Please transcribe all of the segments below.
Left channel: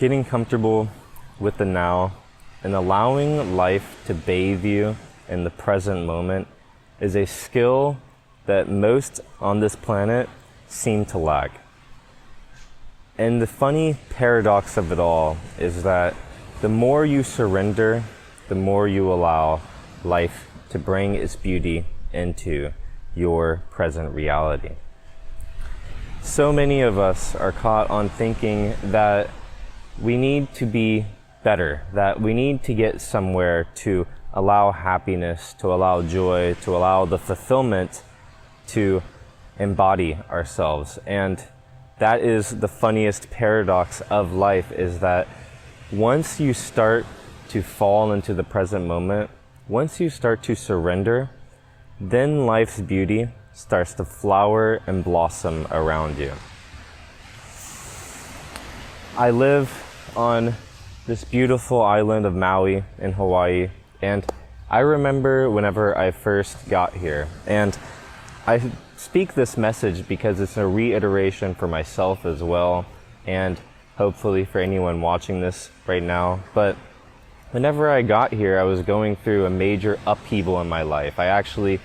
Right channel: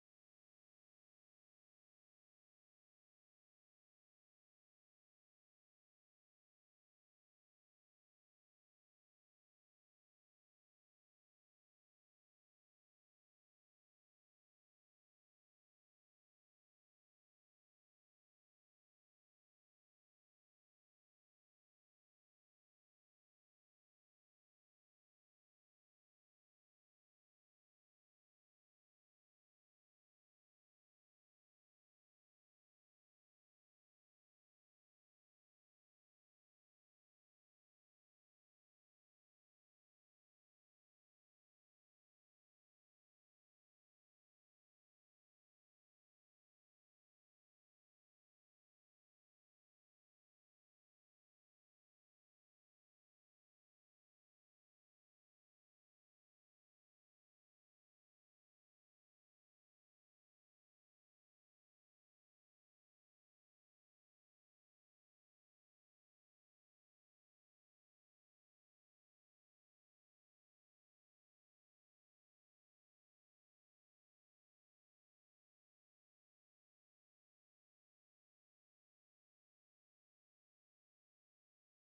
Getting comfortable with the now and allowing life to bathe you in the present moment is a skill that most on this planet seem to lack. And the funny paradox of it all is that the more you surrender, the more you allow life to bring its beauty into your present reality. So many of us are caught on thinking that we need to be better, that we need to get somewhere to allow happiness, to allow joy, to allow the fulfillment to embody ourselves. And that is the funniest paradox of life, is that once you start to fall into the present moment, once you start to surrender, then life's beauty starts to flower and blossom around you. I live on this beautiful island of Maui in Hawaii, and I remember whenever I first got here, and I speak this message because it's a reiteration for myself as well, and hopefully for anyone watching this right now. But whenever I got here, I was going through a major upheaval in my life. I actually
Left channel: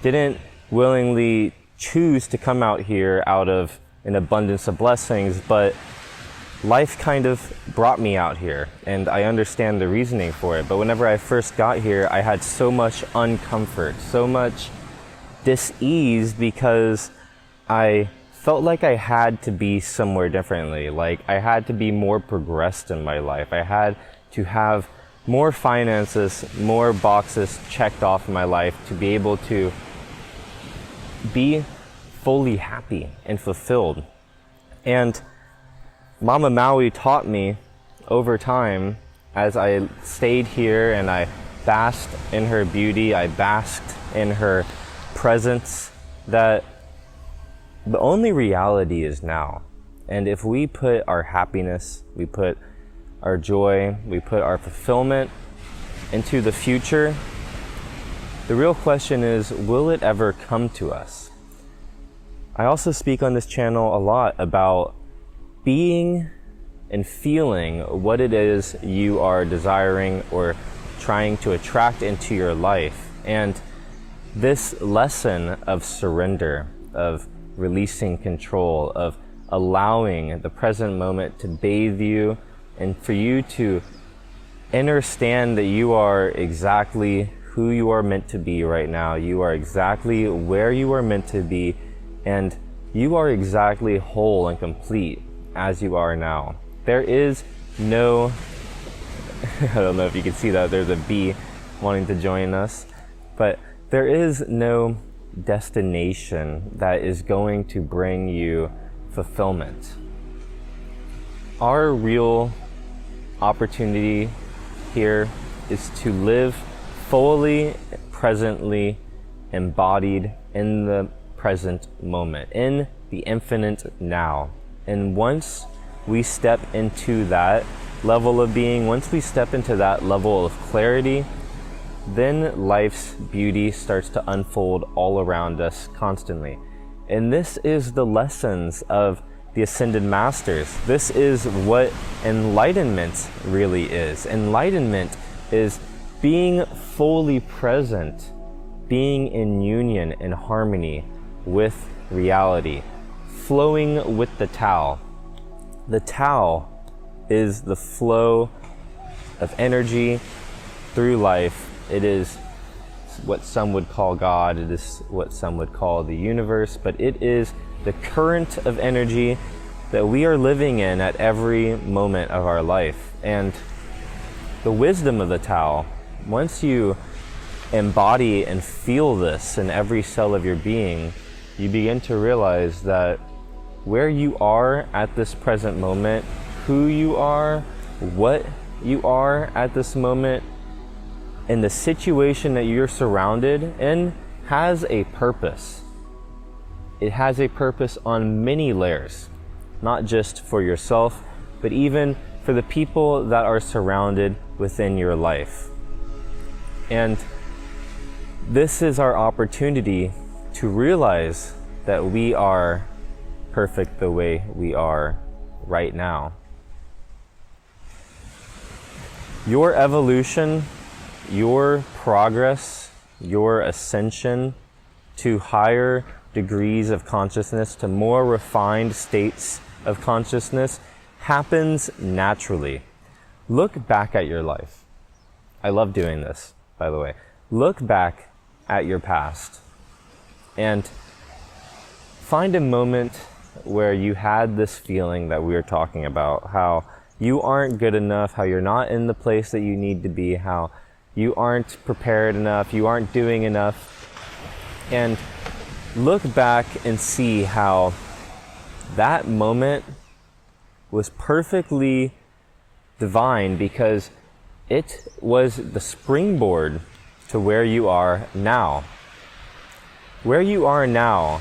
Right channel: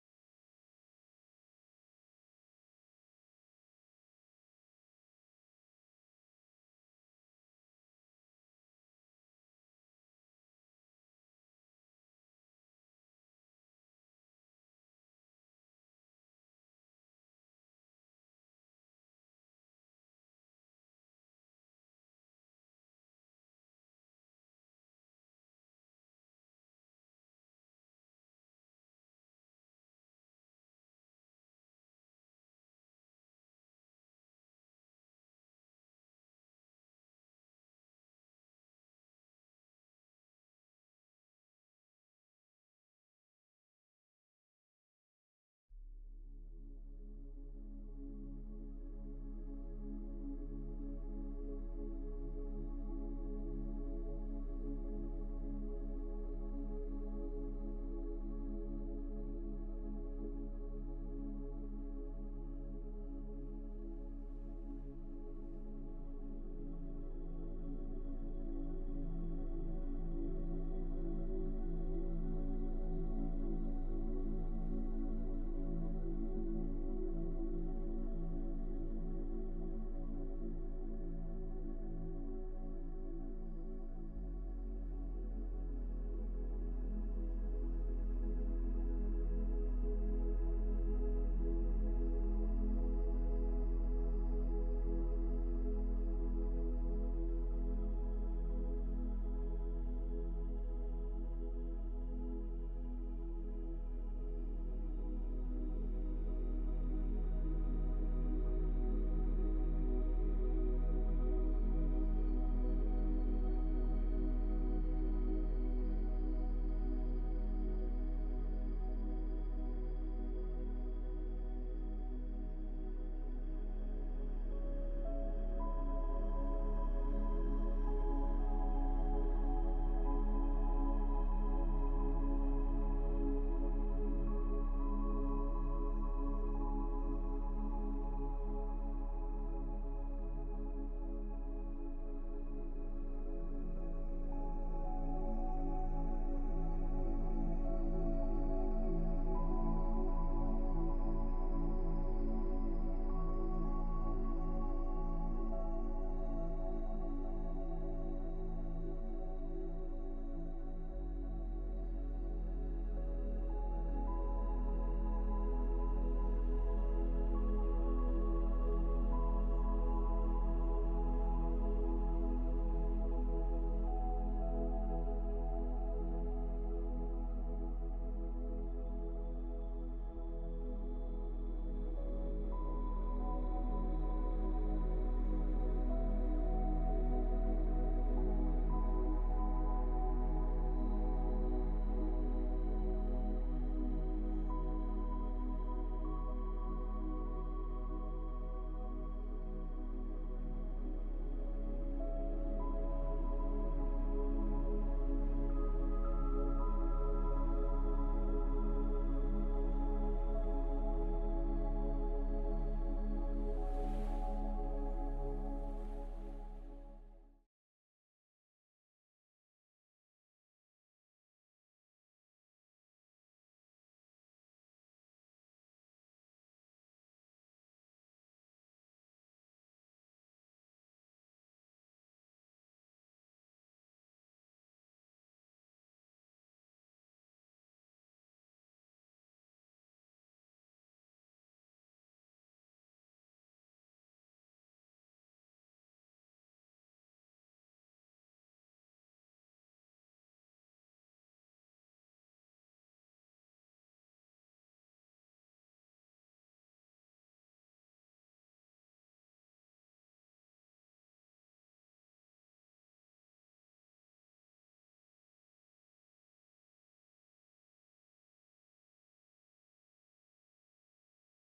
didn't willingly choose to come out here out of an abundance of blessings, but life kind of brought me out here, and I understand the reasoning for it. But whenever I first got here, I had so much uncomfort, so much dis-ease, because I felt like I had to be somewhere differently. Like I had to be more progressed in my life. I had to have more finances, more boxes checked off in my life to be able to be fully happy and fulfilled. And Mama Maui taught me over time, as I stayed here and I basked in her beauty, I basked in her presence, that the only reality is now. And if we put our happiness, we put our joy, we put our fulfillment into the future, the real question is, will it ever come to us? I also speak on this channel a lot about being and feeling what it is you are desiring or trying to attract into your life. And this lesson of surrender, of releasing control, of allowing the present moment to bathe you, and for you to understand that you are exactly who you are meant to be right now. You are exactly where you are meant to be, and you are exactly whole and complete as you are now. There is no, I don't know if you can see that, there's a bee wanting to join us, but there is no destination that is going to bring you fulfillment. Our real opportunity here is to live fully, presently embodied in the present moment, in the infinite now. And once we step into that level of being, once we step into that level of clarity, then life's beauty starts to unfold all around us constantly. And this is the lessons of the Ascended Masters. This is what enlightenment really is. Enlightenment is being fully present, being in union and harmony with reality, flowing with the Tao. The Tao is the flow of energy through life. It is what some would call God, it is what some would call the universe, but it is the current of energy that we are living in at every moment of our life. And the wisdom of the Tao, once you embody and feel this in every cell of your being, you begin to realize that where you are at this present moment, who you are, what you are at this moment, and the situation that you're surrounded in has a purpose. It has a purpose on many layers, not just for yourself, but even for the people that are surrounded within your life. And this is our opportunity to realize that we are perfect the way we are right now. Your evolution, your progress, your ascension to higher degrees of consciousness, to more refined states of consciousness, happens naturally. Look back at your life. I love doing this, by the way. Look back at your past and find a moment where you had this feeling that we were talking about, how you aren't good enough, how you're not in the place that you need to be, how you aren't prepared enough, you aren't doing enough. And look back and see how that moment was perfectly divine, because it was the springboard to where you are now. Where you are now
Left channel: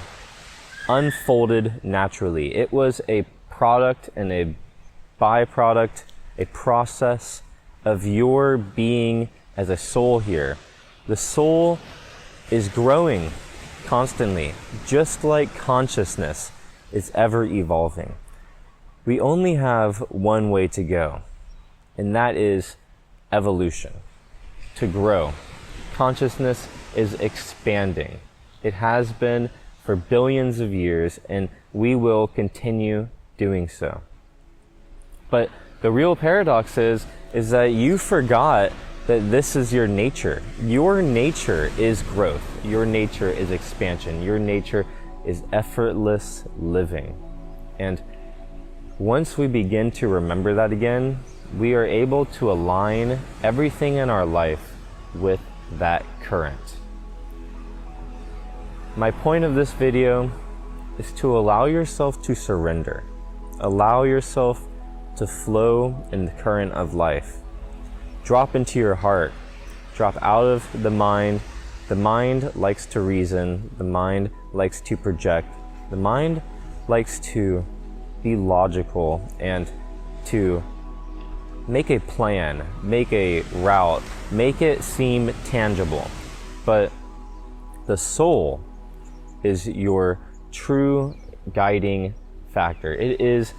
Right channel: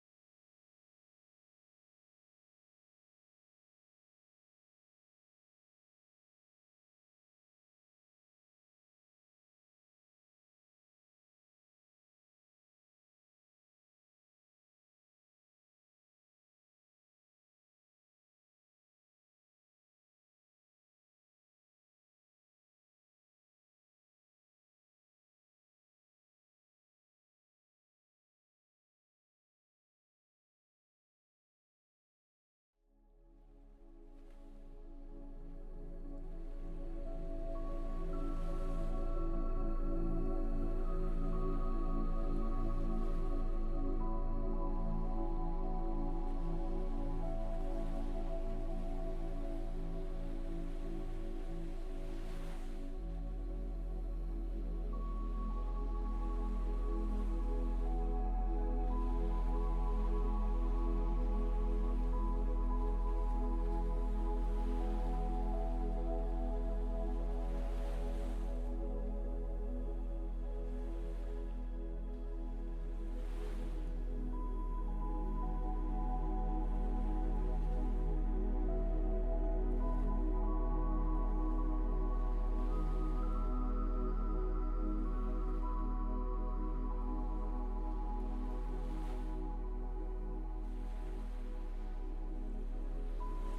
unfolded naturally. It was a product and a byproduct, a process of your being as a soul here. The soul is growing constantly, just like consciousness is ever evolving. We only have one way to go, and that is evolution, to grow. Consciousness is expanding. It has been for billions of years, and we will continue doing so. But the real paradox is that you forgot that this is your nature. Your nature is growth. Your nature is expansion. Your nature is effortless living. And once we begin to remember that again, we are able to align everything in our life with that current. My point of this video is to allow yourself to surrender. Allow yourself to flow in the current of life. Drop into your heart. Drop out of the mind. The mind likes to reason. The mind likes to project. The mind likes to be logical and to make a plan, make a route, make it seem tangible. But the soul is your true guiding factor. It is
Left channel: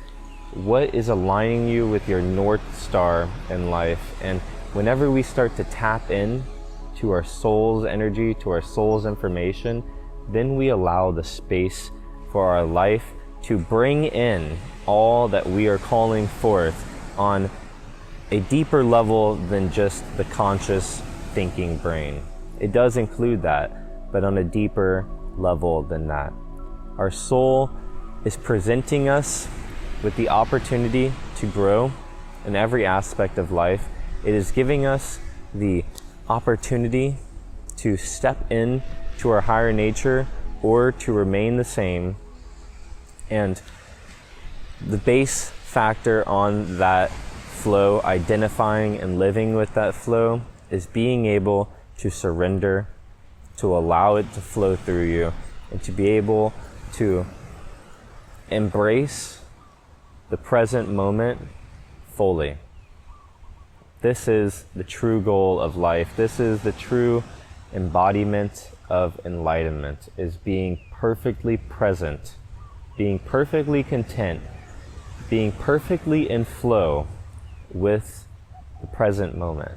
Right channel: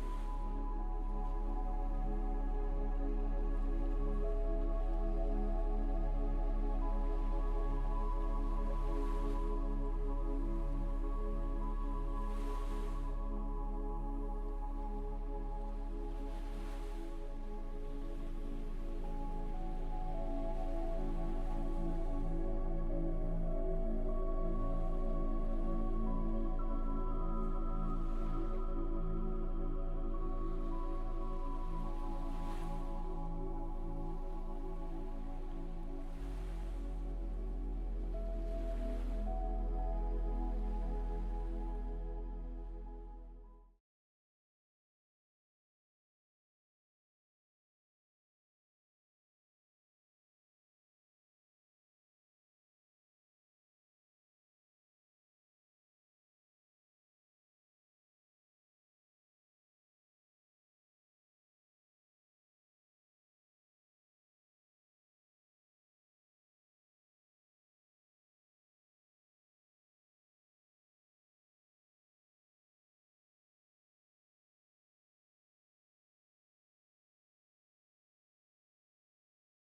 what is aligning you with your North Star in life. And whenever we start to tap in to our soul's energy, to our soul's information, then we allow the space for our life to bring in all that we are calling forth on a deeper level than just the conscious thinking brain. It does include that, but on a deeper level than that. Our soul is presenting us with the opportunity to grow in every aspect of life. It is giving us the opportunity to step in to our higher nature or to remain the same. And the base factor on that flow, identifying and living with that flow, is being able to surrender, to allow it to flow through you, and to be able to embrace the present moment fully. This is the true goal of life. This is the true embodiment of enlightenment, is being perfectly present, being perfectly content, being perfectly in flow with the present moment.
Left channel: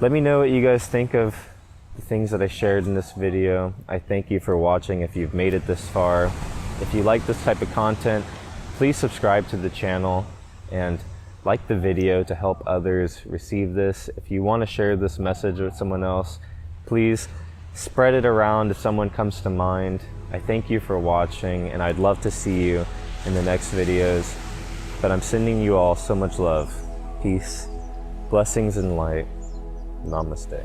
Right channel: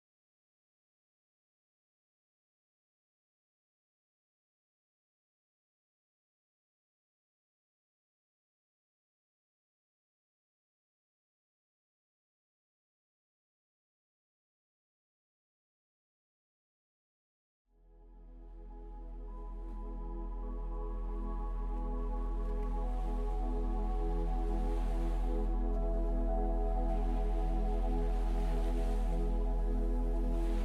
Let me know what you guys think of the things that I shared in this video. I thank you for watching if you've made it this far. If you like this type of content, please subscribe to the channel and like the video to help others receive this. If you want to share this message with someone else, please spread it around if someone comes to mind. I thank you for watching, and I'd love to see you in the next videos. But I'm sending you all so much love, peace, blessings, and light. Namaste.